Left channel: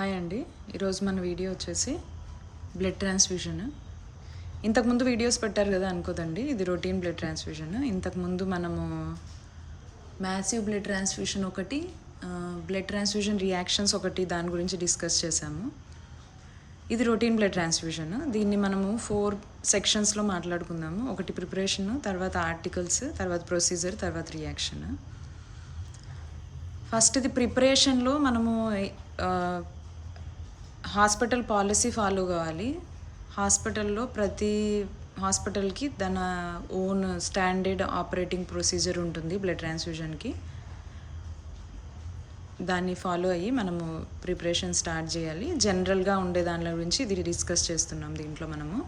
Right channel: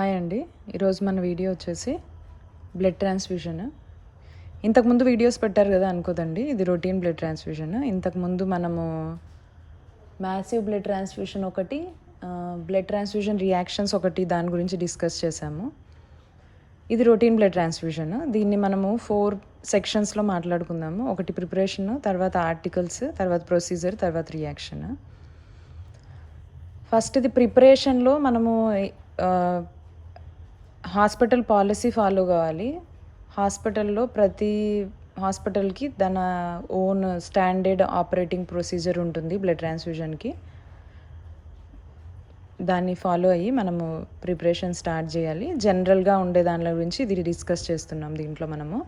Hi అండి. ఈరోజు మన వీడియో వచ్చేసి బ్లడ్ ట్రాన్స్ఫ్యూజన్. ఇంతకుముందు వీడియోస్ పెట్టారు కదా అనుకోదండి, ఇది రొటీన్ బ్లడ్ ట్రాన్స్ఫ్యూజన్. ఇంతకుముందు మనము మ్యాసివ్ బ్లడ్ ట్రాన్స్ఫ్యూషన్ ఒకటి, బ్లడ్ ట్రాన్స్ఫ్యూజన్ రియాక్షన్స్ ఒకటి, దాని గురించి డిస్కస్ చేశాము. ఇది రొటీన్ బ్లడ్ ట్రాన్స్ఫ్యూజన్. దీన్ని మనము 4 సెక్షన్స్లో మాట్లాడుకుందాము. ఒకటి ప్రిపరేషన్, తర్వాత ఆర్టికల్స్, తర్వాత ప్రొసీజర్, తర్వాత రియాక్షన్. ఫస్ట్ ఇది ప్రిపరేషన్లో మనము హాస్పిటల్ పాలసీ ఫాలో కావాలి. హాస్పిటల్లో ప్రతి హాస్పిటల్కి తన ఓన్ స్టాండర్డ్ ఆపరేటింగ్ ప్రొసీజర్ ఉంటుంది బ్లడ్ ట్రాన్స్ఫ్యూజన్కి. దాన్ని ఫాలో అయ్యి మనము ప్రిపరేషన్ స్టార్ట్ చేయాలి. జనరల్గా ఉండే దాని గురించి ఇది డిస్కస్ చేస్తున్నాం దీంట్లో. మనము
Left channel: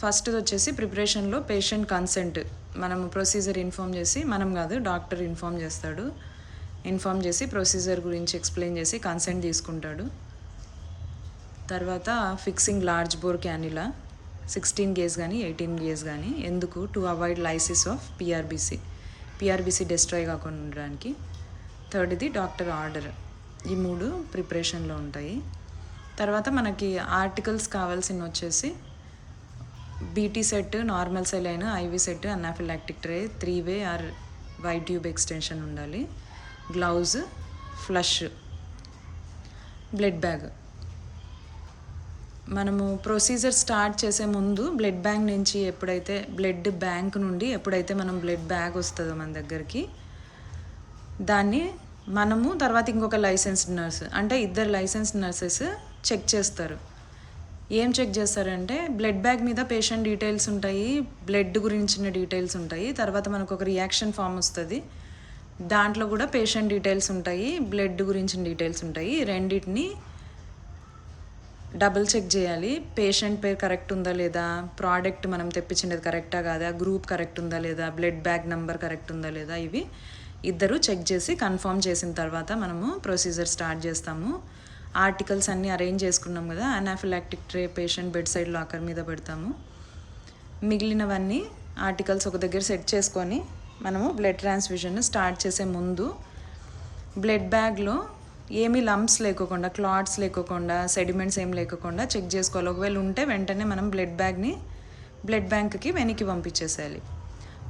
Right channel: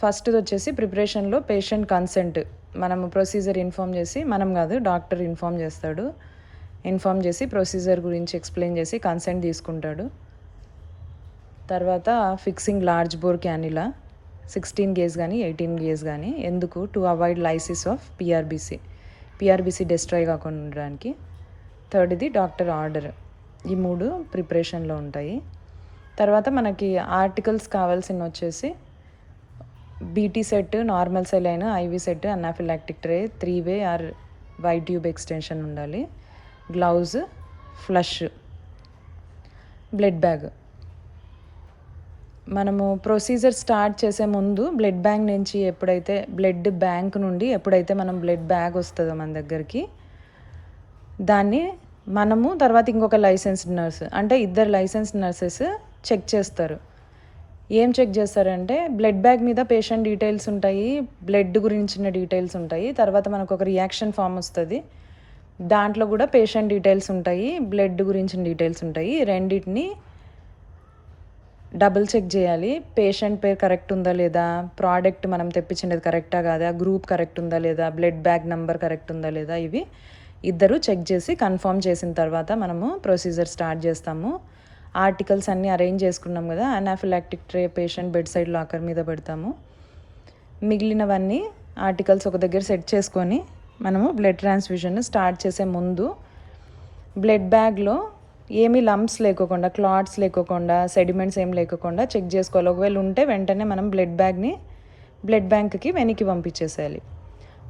ఫస్ట్ది వచ్చేసి ప్రిపరేషన్లో పేషెంట్ కన్సెంట్. మనము ప్రొసీజర్ ఇన్ఫామ్ చేసి, మనం కాదు డాక్టర్ ఇన్ఫామ్ చేస్తాడు. ఇన్ఫామ్ చేసి ప్రొసీజర్ గురించి ఎక్స్ప్లెయిన్ చేసి కన్సెంట్ తీసుకుంటాడు. తర్వాత fixing large bore cannula 16 gauge కానీ 18 గేజ్ కానీ. ఎందుకు? To avoid lysis of PRBC destroy కాకుండా ఉండడానికి. థర్డ్ది డాక్టర్ ఆర్డర్. ఈ 3 ప్రిపరేషన్లో ఉంటాయి. తర్వాత మనకి ఆర్టికల్స్ కావాల్సిన వచ్చేసి BT set, normal saline, IV set, anaphylactic tray, 3-వే ఆర్ వైట్ ట్యూబ్ ఎక్స్టెన్షన్ ఉండాలి, గ్లౌజ్, ఫ్లష్, బ్లడ్ బ్యాగ్. మనము ప్రొసీజర్ స్టార్ట్ చేసే ముందు బ్లడ్ బ్యాంక్ నుండి ఎప్పుడైతే మనం బ్లడ్ బ్యాగ్ వస్తుందో మన దగ్గరికి, దాన్ని మనము తర్వాత ఇంకొక లైసెన్స్డ్ నర్స్, అంటే 2 లైసెన్స్డ్ నర్సెస్ చెక్ చేస్తారు. ఏం చెక్ చేస్తారంటే బ్లడ్ బ్యాగ్ మీద పేషెంట్ డీటెయిల్స్ ఉంటాయి, బ్లడ్ గురించిన డీటెయిల్స్ ఉంటాయి. తర్వాత మనకు ఒక రియాక్షన్ ఫామ్ వస్తుంది, దాంట్లో కూడా పేషెంట్ డీటెయిల్స్ ఉంటాయి, బ్లడ్ గురించిన డీటెయిల్స్ ఉంటాయి. రెండింటిని డబుల్ చెక్ చేయాలి. పేషెంట్ పేరు కరెక్ట్ ఉందా లేదా, ప్రోడక్ట్ మనం తెప్పించినది కరెక్టా కాదా, గ్రూప్ కరెక్ట్ ఉందా లేదా, బ్లడ్ బ్యాగ్ నెంబర్ కరెక్ట్ ఉందా లేదా, ఇవి 2 చెక్ చేసి కన్ఫర్మ్ చేసిన తర్వాత మనము ప్రొసీజర్ స్టార్ట్ చేస్తాము. ఆర్టికల్స్ అన్నీ అరేంజ్ చేసుకున్నాం కదా. Anaphylactic tray patient bed side locker మీద పెడతాము. మిగిలినవన్నీ ఆర్టికల్స్ ఒక దగ్గర సెట్ చేసుకొని మనము బ్లడ్ ట్రాన్స్ఫ్యూజన్ స్టార్ట్ చేసే ముందు బ్లడ్ బ్యాగ్లో ఏమీ లంప్స్ లేకోకుండా, క్లాట్స్ లేకోకుండా, సెడిమెంట్స్ ఏం లేకోకుండా చెక్ చేసుకోవాలి. ఒకవేళ ఉంటే వెంటనే మనం బ్లడ్ బ్యాంక్కి వెనక్కి పంపించేసేయాలి.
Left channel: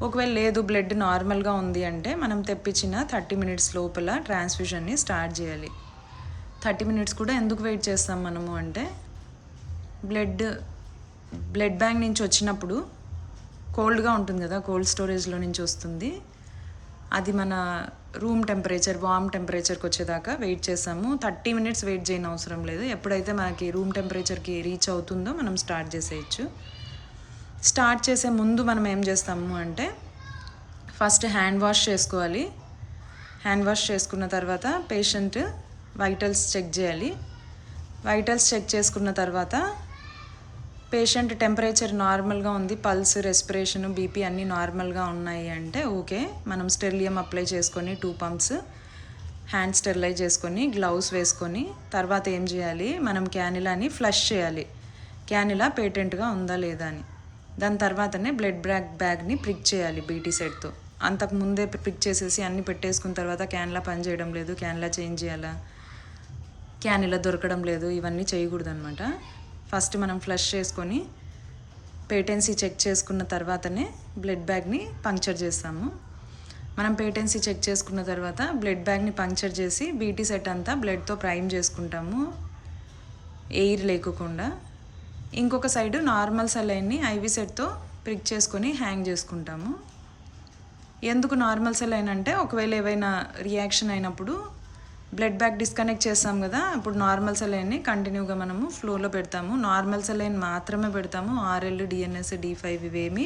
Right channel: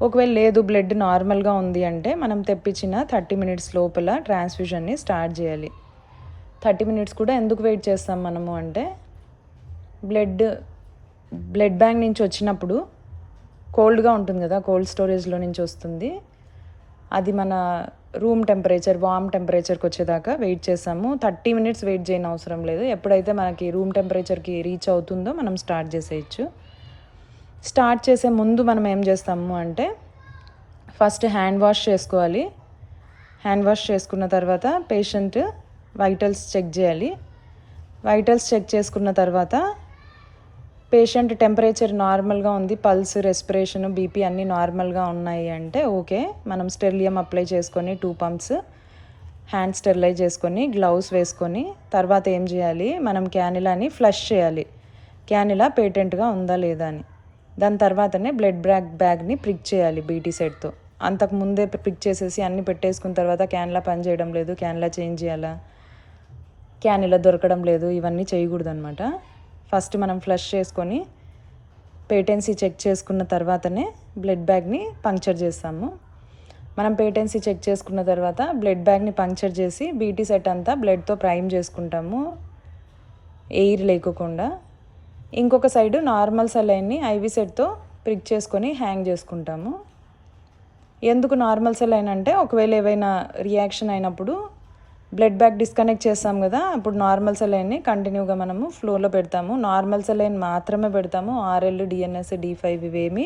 ఒకవేళ లేదు, బ్లడ్ నార్మల్గా ఉంది అంటే మనం తెప్పించిన 30 మినిట్స్ లోపల ట్రాన్స్ఫ్యూజన్ని స్టార్ట్ చేయాలి. 30 మినిట్స్ కూడా ఎందుకు వెయిట్ చేస్తాం మనము అంటే, బ్లడ్ బ్యాంక్ నుంచి వచ్చినప్పుడు కోల్డ్గా ఉంటుంది కదా, కోల్డ్ స్టోరేజ్లో నుంచి వస్తుంది. అది మన రూమ్ టెంపరేచర్, వామ్ టెంపరేచర్కి వచ్చేదాకా వెయిట్ చేస్తాము. 30 మినిట్స్ వెయిట్ చేయని అవసరం లేదు. ఎప్పుడైతే మనకి రూమ్ టెంపరేచర్కి రీచ్ అవుతుందో మనం స్టార్ట్ చేసేయచ్చు. స్టార్ట్ చేసే ముందు మనం ఏం చేస్తాము అంటే, ఫస్ట్ హ్యాండ్ వాష్ చేసుకోవాలి. హ్యాండ్ వాష్ చేసుకున్న తర్వాత పేషెంట్ వైటల్స్ చెక్ చేయాలి. వైటల్స్ చెక్ చేసుకున్న తర్వాత పేషెంట్ టెంపరేచర్ నార్మల్గా ఉంది, పల్స్, రెస్పిరేషన్, బీపీ అన్నీ నార్మల్గా ఉన్నాయి అంటే ఓకే. మనం స్టెరిలియం అప్లై చేసుకొని 2 పంప్స్ హ్యాండ్ స్టెరిలైజ్ చేసుకొని గ్లౌస్ వేసుకొని తర్వాత ఏం చేయాలి, మనం క్యానిలాని ఫ్లష్ చేయాలి. క్యానిలా పేటెంట్గా ఉందా లేదా అని. దాని తర్వాతనే బ్లడ్ బ్యాగ్ని ప్రిక్ చేయాలి బీటీ సెట్తో. అంతకుముందే ప్రిక్ చేసేసి అన్నీ పెట్టేసుకున్న తర్వాత క్యానిలా పని చేయడం లేదు, క్యానిలా చేంజ్ చేయాలా, క్యానిలా దొరకడం లేదు, ఇవన్నీ చేయకూడదు అనమాట. ఫస్ట్ మనం ఫ్లష్ చేసుకొని పేటెన్సీ చెక్ చేసుకున్న తర్వాతనే బ్లడ్ బ్యాగ్ని పంక్చర్ చేస్తాము. మనం పేటెన్సీ చెక్ చేసుకున్న తర్వాత బ్లడ్ బ్యాగ్ని పంక్చర్ చేసి బీటీ సెట్ అంతా బ్లడ్తో ప్రైమ్ చేసుకుంటాము, ఎయిర్ లేకోకుండా. ఇంకొక సైడు నార్మల్ సెలైన్ని ఐవి సెట్తో ప్రిక్ చేసుకొని హ్యాంగ్ చేసుకుంటాము. ఎందుకు నార్మల్ సెలైన్ అంటే, ఒకవేళ ఏవైనా రియాక్షన్ అయినప్పుడు బ్లడ్ బ్యాగ్ డిస్కనెక్ట్ చేస్తాం కదా, అప్పుడు నార్మల్ సెలైన్ని కంటిన్యూగా మనము ఫ్లోలో పెడతాము. నార్మల్ సెలైన్ మాత్రమే పెడతాము. ఆర్ఎల్, డిఎన్ఎస్, D5 ఇవేమీ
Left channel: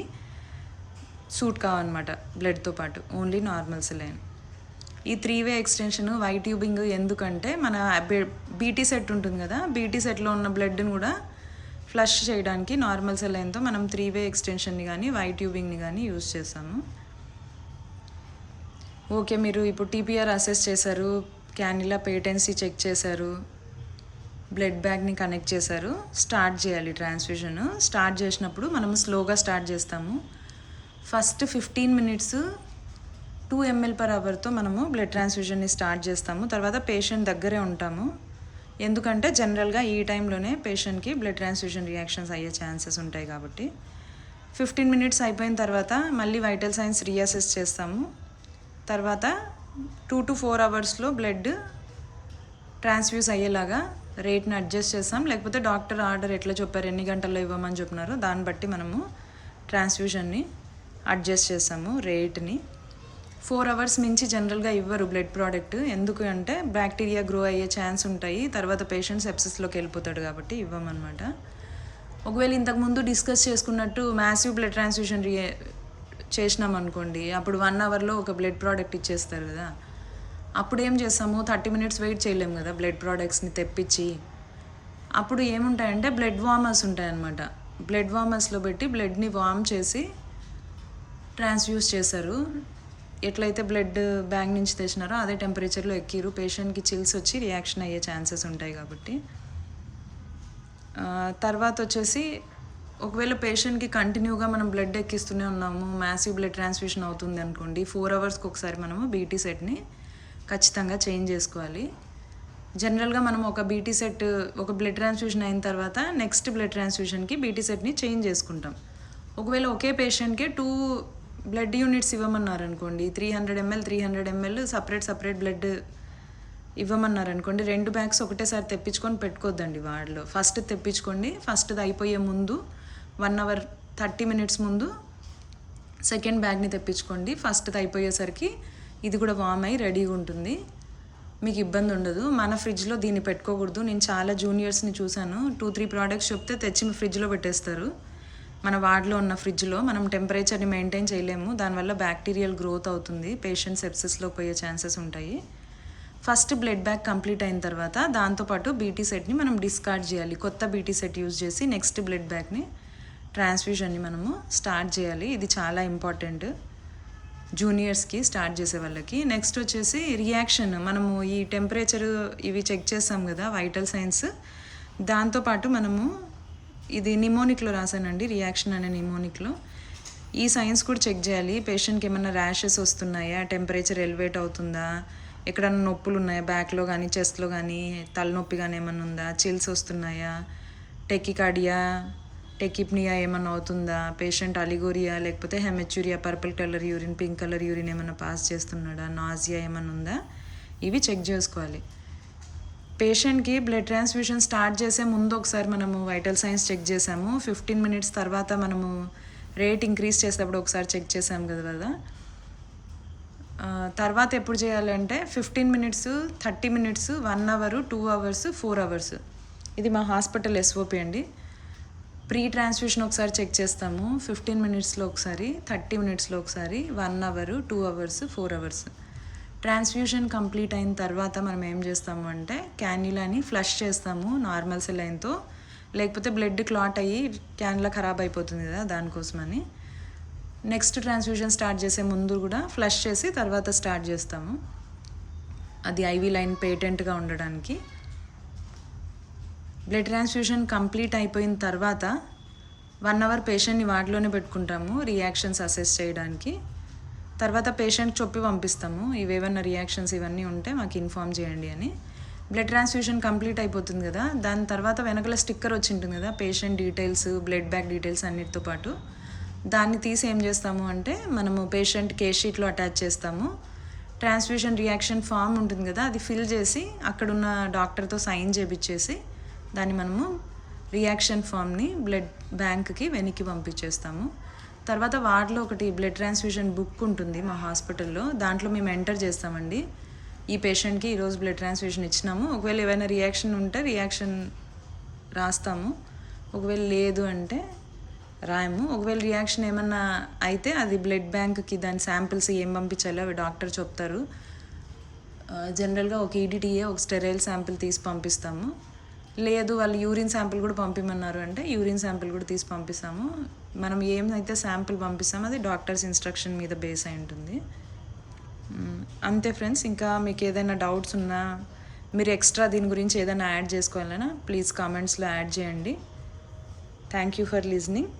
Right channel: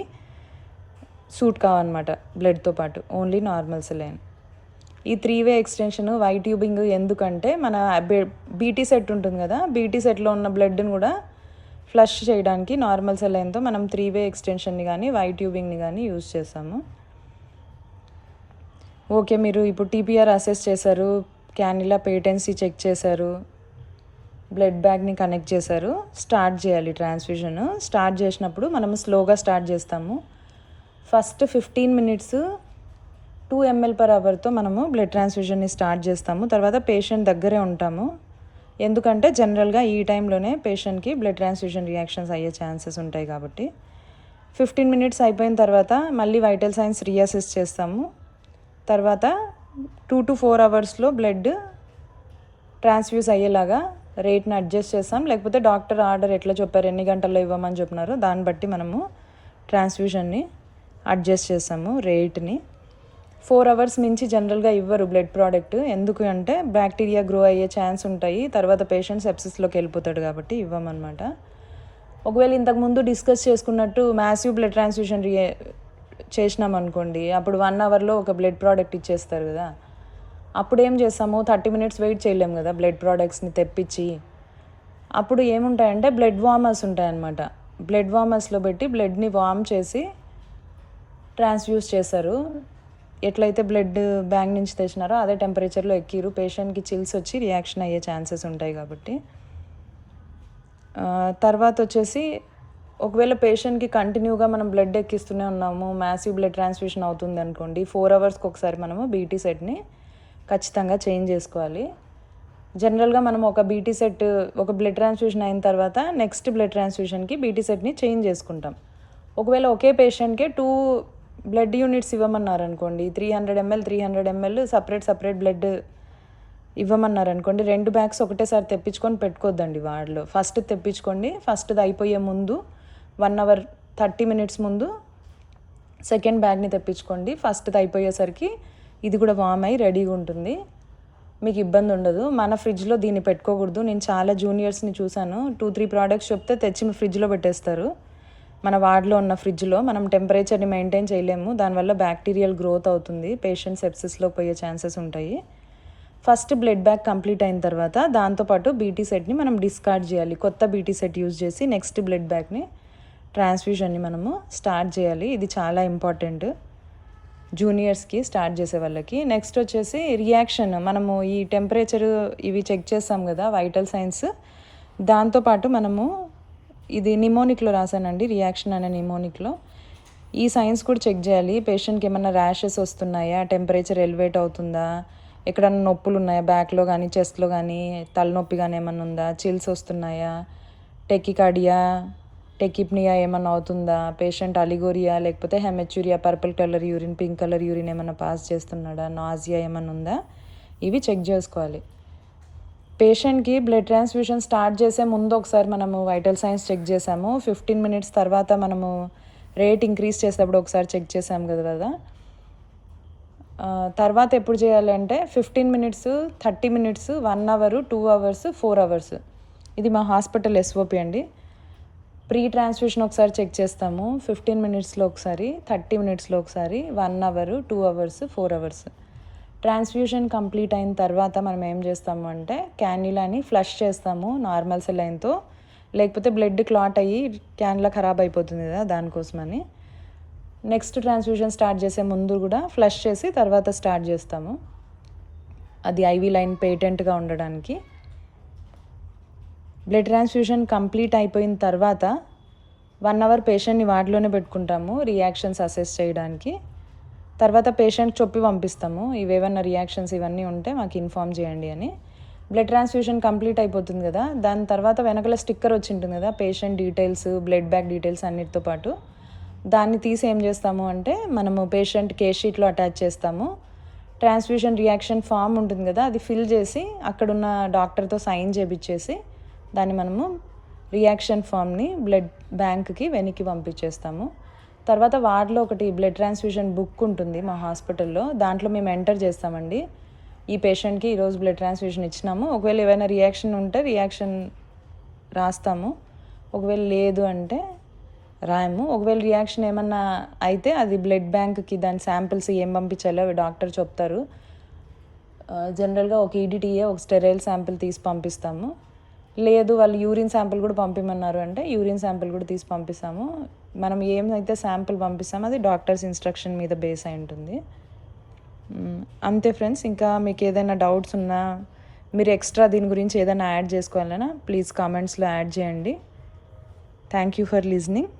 సూట్ కావన్నమాట బ్లడ్తో పాటు, ఓన్లీ నార్మల్ సెలైన్. ఈ 3-వే ఎక్స్టెన్షన్, వైట్ ట్యూబింగ్ ఎందుకంటే, మన బీటీ సెట్ ఉంటుంది కదా, బీటీ సెట్లో ఉన్న బ్లడ్ని కూడా ఫ్లష్ చేయడానికి నార్మల్ సెలైన్తో మనం 3-వే ఎక్స్టెన్షన్ని కానీ వైట్ ట్యూబింగ్ని కానీ యూజ్ చేస్తాము. ఓకే, మీరు ఇప్పుడు టీపీఆర్ అసెస్ చేశారు, క్యానిలా పేటెన్సీ చెక్ చేశారు, బ్లడ్ బ్యాగ్ని కనెక్ట్ చేశారు, స్టార్ట్ చేయాలి ట్రాన్స్ఫ్యూజన్. స్టార్ట్ చేసినప్పుడు మనము స్లోగా స్టార్ట్ చేస్తాము. ఫస్ట్ 15 మినిట్స్ 2 ml/hతో మనము బ్లడ్ ట్రాన్స్ఫ్యూజన్ని స్టార్ట్ చేస్తాము. తర్వాత పేషెంట్ దగ్గరే ఉంటాము. ఎందుకంటే జనరల్గా ఈ టైంలోనే పేషెంట్కి బ్లడ్ ట్రాన్స్ఫ్యూషన్ రియాక్షన్స్ అయ్యే ఛాన్సెస్ ఉంటాయి కాబట్టి 15 మినిట్స్ అయిపోయిన తర్వాత మళ్ళీ వైటల్ సైన్స్ రీఅసెస్ చేస్తాము. తర్వాత 2 to 4 అవర్స్లో బ్లడ్ ట్రాన్స్ఫ్యూజ్ అయ్యేలాగా రేట్ని అడ్జస్ట్ చేస్తాం. లేకపోతే డాక్టర్ ఆర్డర్ ఎట్లా చెప్పారు, ఎన్ని గంటల్లో ఇవ్వమని చెప్పినారో దాన్ని బట్టి మనము ట్రాన్స్ఫ్యూషన్ని అడ్జస్ట్ చేస్తాము రేట్ని. 4 అవర్స్ మించి జనరల్గా ఇవ్వరు బ్లడ్ ప్రోడక్ట్. ఎందుకు అంటే బ్యాక్టీరియా గ్రో అయ్యే ఛాన్స్ ఉంటాయి, తర్వాత పేషెంట్ సెప్సిస్లోకి వెళ్ళిపోతాడు కాబట్టి ఇవ్వమన్నమాట. ఒకవేళ ఇంతకుముందు డిస్కస్ చేసుకున్నట్టు మ్యాసివ్ బ్లడ్ ట్రాన్స్ఫ్యూషన్ చేసినాం అనుకోండి, అప్పుడు 1 అవర్లో ఒక బ్లడ్ ప్రోడక్ట్ ఇచ్చేస్తారు కదా. అప్పుడు ఏం చేస్తాము, 30 మినిట్స్ వెయిట్ చేయలేము కదా బ్లడ్ ప్రోడక్ట్స్ని తెప్పించి. అప్పుడు ఏముంటాయంటే బ్లడ్ వార్మర్స్ ఉంటాయన్నమాట. బ్లడ్ వార్మర్స్లో పెట్టి బ్లడ్ని వార్మ్ చేసి ట్రాన్స్ఫ్యూజ్ చేస్తారు. ఎట్లయితే బ్లడ్ బ్యాంక్ నుంచి తెచ్చినారో అదే టెంపరేచర్లో ఎక్కిరు, పేషెంట్కి చిల్స్ వచ్చి రియాక్షన్ అయ్యే ఛాన్సెస్ ఉంటాయి కాబట్టి. తర్వాత వచ్చేసి ఒకవేళ పేషెంట్కి కంటిన్యూగా మనం బ్లడ్ ఎక్కిస్తూనే ఉన్నాము, మ్యాసివ్ బ్లడ్ ట్రాన్స్ఫ్యూషన్ అవుతుంది అనుకోండి, 4 అవర్స్కి ఒకసారి మనము బీటీ సెట్ని ఖచ్చితంగా చేంజ్ చేసుకోవాలి. జనరల్గా మనం ఒక బీటీ సెట్, ఒక బ్లడ్ ట్రాన్స్ఫ్యూషన్ అయిన తర్వాత నెక్స్ట్ బ్లడ్ ట్రాన్స్ఫ్యూషన్కి బీటీ సెట్ని చేంజ్ చేసుకుంటాం. ఒకవేళ ఒకే పేషెంట్కే 2 బ్లడ్ యూనిట్స్ ఇవ్వమన్నారు అనుకోండి, 300 ml 300 ml సపరేట్ బ్లడ్ ఇవ్వమన్నారు అనుకోండి, 2 బ్యాగ్స్ ఒకటేసారి తెప్పించుకొని పెట్టుకోవద్దండి వాడిలో. ఫస్ట్ తెప్పించుకోండి, ఫస్ట్ది అయిపోయే ముందు 1 అవర్ 30 మినిట్స్ ముందు సెకండ్ బ్యాగ్ని తెప్పించుకోండి. ఫస్ట్ది అయిపోయేసరికి ఇది కూడా వామ్ అయ్యి రెడీగా ఉంటుంది, మీకు ఇబ్బంది ఉండదు. మన ఫ్రిడ్జ్లో దీన్ని పెట్టుకోకూడదు. నేను చాలా జూనియర్స్ని చూశాను, 2-3 ప్రోడక్ట్స్ చెప్తే తెచ్చి మీ ఫ్రిడ్జ్లో పెట్టేస్తారు. మన వార్డ్లో ఉన్న ఫ్రిడ్జ్లో మనం టెంపరేచర్ని మెయింటైన్ చేయలేము, దానివల్ల బ్యాక్టీరియల్ గ్రోత్ అవుతుంది, పేషెంట్ సెప్సిస్లో పోయే ఛాన్సెస్ ఉంటాయి. ఫస్ట్ బ్లడ్ బ్యాగ్ కంప్లీట్ అయిన తర్వాత దాంతోపాటు బీటీ సెట్ని మనం డిస్కార్డ్ చేయాలి. కొత్త బీటీ సెట్ యూజ్ చేసి నెక్స్ట్ బ్లడ్ బ్యాగ్ని ట్రాన్స్ఫ్యూషన్ని మనము స్టార్ట్ చేయాలి. ఇది చాలా ఇంపార్టెంట్ జూనియర్స్కి, స్టార్ట్ చేసే వాళ్ళకి. నెక్స్ట్ వచ్చేసి రియాక్షన్, మనము ఈ టెంపరేచర్ ఇవి చెక్ చేస్తాం కదా వైటల్ సైన్స్, దాంతోపాటు మనము ఇది నిమోనిక్లో రాశానండి, రియాక్షన్ అనే నిమోనిక్లో ఈ సైన్స్ కూడా చెక్ చేయాలి. పేషెంట్కి ఏమన్నా ర్యాషెస్ వస్తున్నాయా, టెంపరేచర్ ఎలివేట్ అవుతుందా, ఎక్కడన్నా నొప్పులు ఉన్నాయా బ్యాక్లో కానీ చెస్ట్లో కానీ, తలనొప్పి కానీ ఏమన్నా ఉందా, చిల్స్ వస్తున్నాయా, టెకికార్డియా టెకిప్నియా ఏమన్నా అవుతుందా, పేషెంట్ అలిగోరియా లేకపోతే haematuria, purple colour urine, pink colour urine ఏమన్నా పాస్ చేస్తున్నాడా, నాజియా ఏమన్నా ఉందా, ఇవి చెక్ చేసుకోవాలి. పేషెంట్కి బ్లడ్ ట్రాన్స్ఫ్యూషన్ స్టార్ట్ చేసే ముందు ఒకసారి మనము వైటల్ సైన్స్ చెక్ చేసాము. 15 మినిట్స్ తర్వాత మనము రేట్ ఇంక్రీజ్ చేసేటప్పుడు ఒకసారి చెక్ చేసాము కదా. తర్వాత ఎప్పుడు చేయాలంటే 15 minutes, 30 minutes, 1 hour, 2 hours, 4 hours. ఇది మా హాస్పిటల్ ఎస్ఓపి అండి. ప్రీ ట్రాన్స్ఫ్యూషన్ ఒకసారి చెక్ చేస్తాము, 15 మినిట్స్లో ఒకసారి, 30 మినిట్స్లో ఒకసారి, 1 hour, 2 hours, 4 hours. Transfusion complete అయిన తర్వాత మనం ఏం చేస్తాము అంటే క్యాన్యులాని ఫ్లష్ చేస్తాము నార్మల్ సెలైన్తో, లేకపోతే బ్లడ్ క్లాట్ అయ్యి క్యాన్యులా ఖరాబ్ అయిపోతుంది కదా, దానికోసమని. నెక్స్ట్ ట్రాన్స్ఫ్యూషన్ స్టార్ట్ చేసే ముందు కూడా ఫ్లష్ చేసి తర్వాత స్టార్ట్ చేస్తాము, అది ఐవీ లైన్ పేటెంట్గా ఉండడానికి. బ్లడ్ ట్రాన్స్ఫ్యూషన్ కంప్లీట్ అయిపోయిన తర్వాత 1 అవర్ పేషెంట్ని వార్డులోనే పెట్టుకుంటాము రియాక్షన్స్ అసెస్ చేయడానికి. తర్వాత పేషెంట్ చెప్పి పంపిస్తాము, ఇవేవన్నా రియాక్షన్స్ ఇవన్నీ ఉంటే మాకు ఇన్ఫామ్ చేయండి అని. బ్లడ్ ట్రాన్స్ఫ్యూషన్ కంప్లీట్ అయిపోతుంది కదా, దాని తర్వాత వెనకల స్టిక్కర్ వచ్చి ఉంటుంది కదా, patient details, blood bag details అన్నిటితో పాటు. దాన్ని తీసి ఏం చేస్తాము అంటే మనము పేషెంట్ కేస్ షీట్లో అటాచ్ చేస్తాము. ట్రాన్స్ఫ్యూషన్ రియాక్షన్ ఫామ్ ఉంటుంది కదా, అది ఫిల్ చేసి అక్కడున్న డాక్టర్తో సైన్ చేపించేసి దాన్ని మనము రియాక్షన్ ఫామ్ని బ్లడ్ బ్యాంక్కి వెనక్కి పంపించేస్తాము. తర్వాత వార్డులో ఒకటి బ్లడ్ ట్రాన్స్ఫ్యూషన్ బుక్ ఉంటుంది మా హాస్పిటల్లో, దాంట్లో మేము ఎంటర్ చేస్తామండి, ఈ పేషెంట్కి ఈరోజు బ్లడ్ ట్రాన్స్ఫ్యూషన్ ఇచ్చినాము, ఒకవేళ ఏమైనా రియాక్షన్ ఉంటే రియాక్షన్ రాస్తాము, ఒకవేళ లేదు అంటే రాయము. ఒకవేళ రియాక్షన్ ఏమన్నా అయితే అది బ్లడ్ బ్యాంక్కి దాని శాంపిల్స్ ఏం పంపించాలో డాక్టర్ చెప్తారు. జనరల్గా ఒక ఈడిటీఏ, ఒక స్టెరైల్ శాంపిల్ తీసి పంపిస్తాము. లేదు వాళ్ళు యూరిన్ శాంపిల్ కూడా పంపిమన్నారు అంటే యూరిన్ శాంపిల్ కూడా తీసి పంపిస్తాము. మనం ఏమైతే శాంపిల్ పంపిస్తామో అది డాక్టర్స్ ఇన్స్ట్రక్షన్ మీద బేస్ అయి ఉంటుంది. అంతే ఫ్రెండ్స్. ఇంకా మీకు ఏదైనా డౌట్స్ ఉన్నా, మీరు ఎక్స్ట్రా దీని గురించి ఏదైనా యాడ్ చేసుకోవాలన్నా ప్లీజ్ కామెంట్స్లో యాడ్ చేయండి. Thank you for listening.